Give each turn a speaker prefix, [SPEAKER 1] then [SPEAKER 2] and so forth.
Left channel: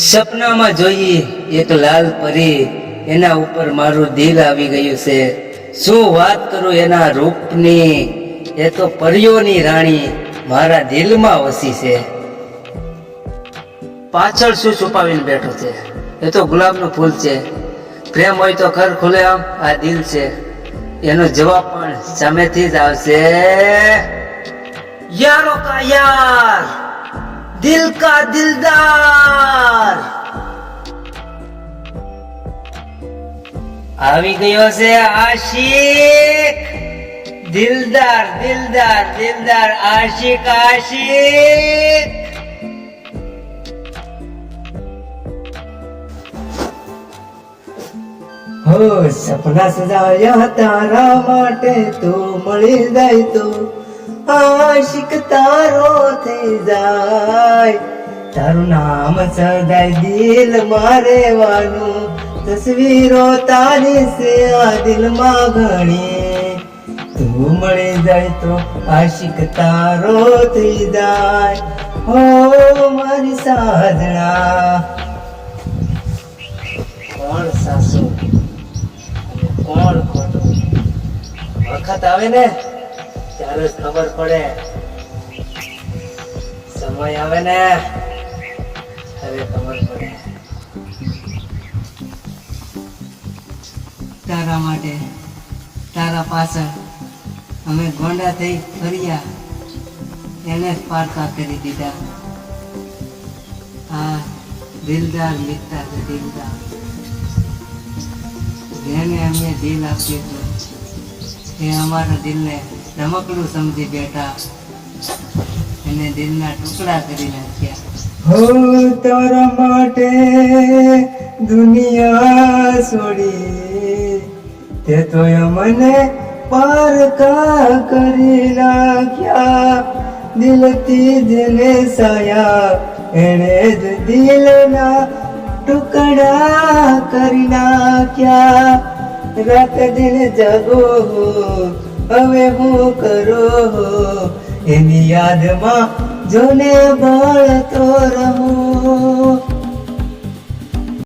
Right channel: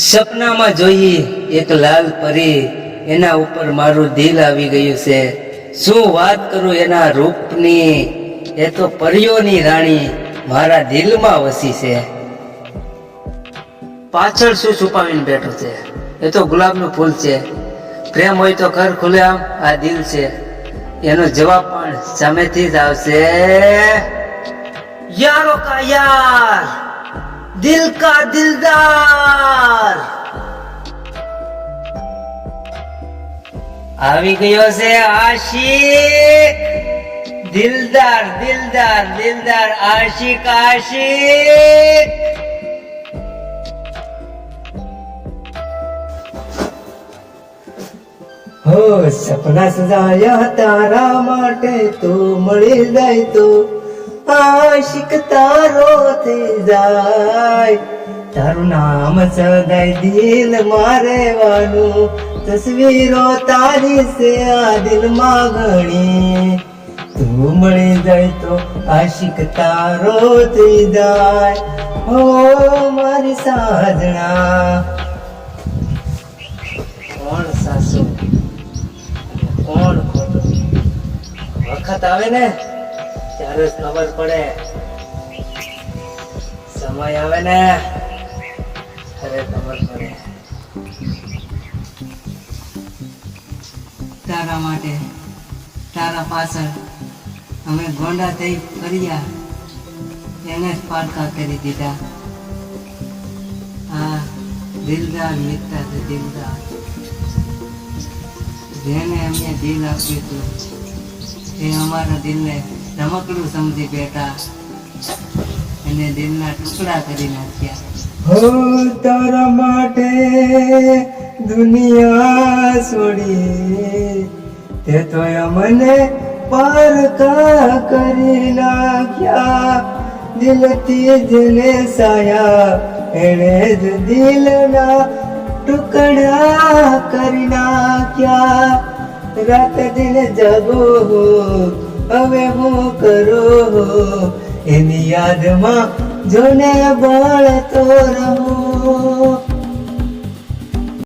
[SPEAKER 1] સપનામાં જોઈ એક લાલ પરી એના ઉપર મારું દિલ આવી ગયું છે. શું વાત કરું એના રૂપની? એ તો પરીઓની રાણી મારા દિલમાં વસી છે. પાછળ શું છુપાવીને બેઠો છે? એ તો ગુલાબનું ફૂલ છે. પ્રેમ હોય તો ઘર ખુલે આમ, આ દિલ છે. એનો જવાબ પણ સામેથી જ આવશે. યારો કા યાર? દિલ કા દિલદાર! આવી ગયો છે આશિક. દિલદાર દિલદાર દિલદાર આશિક આશિક. હો, સપના સજાયા તારા માટે તો મળી જાય તો આશિક તારો થઈ જાય. તારું નામ સદાય દિલ મારેવાનું તસવીરો તારી છે આ દિલમાં ઘણી. તું મળી જાય તો આશિક તારો થઈ જાય. હો મારી સાજણા. કોણ સાસુ? કોણ ખોટું? વખત આવે ને, ત્યારે જ ખબર પડે. સમય આવે ને, ત્યારે ખબર પડે. તારા માટે. તારા પાછળ અમે ગોંડા થઈ ફર્યા. એને જ કરી દીધા. આ દિલદાર મિત્તા છે, દિલદાર. જેને અમને દિલ આપ્યું હતું, એ અમારા દિલને રમકડું સમજી બેઠા. એને દિલના ટુકડા કરી નાખ્યા. હો, તારા માટે દુનિયા છોડી તે તો મને પારકા કરી નાખ્યા. દિલથી જેને સાયા, એણે જ દિલના ટુકડા કરી નાખ્યા. રાત દિન જગો હો, હવે હું કરો હો? એની યાદમાં જોને બળતો રહું.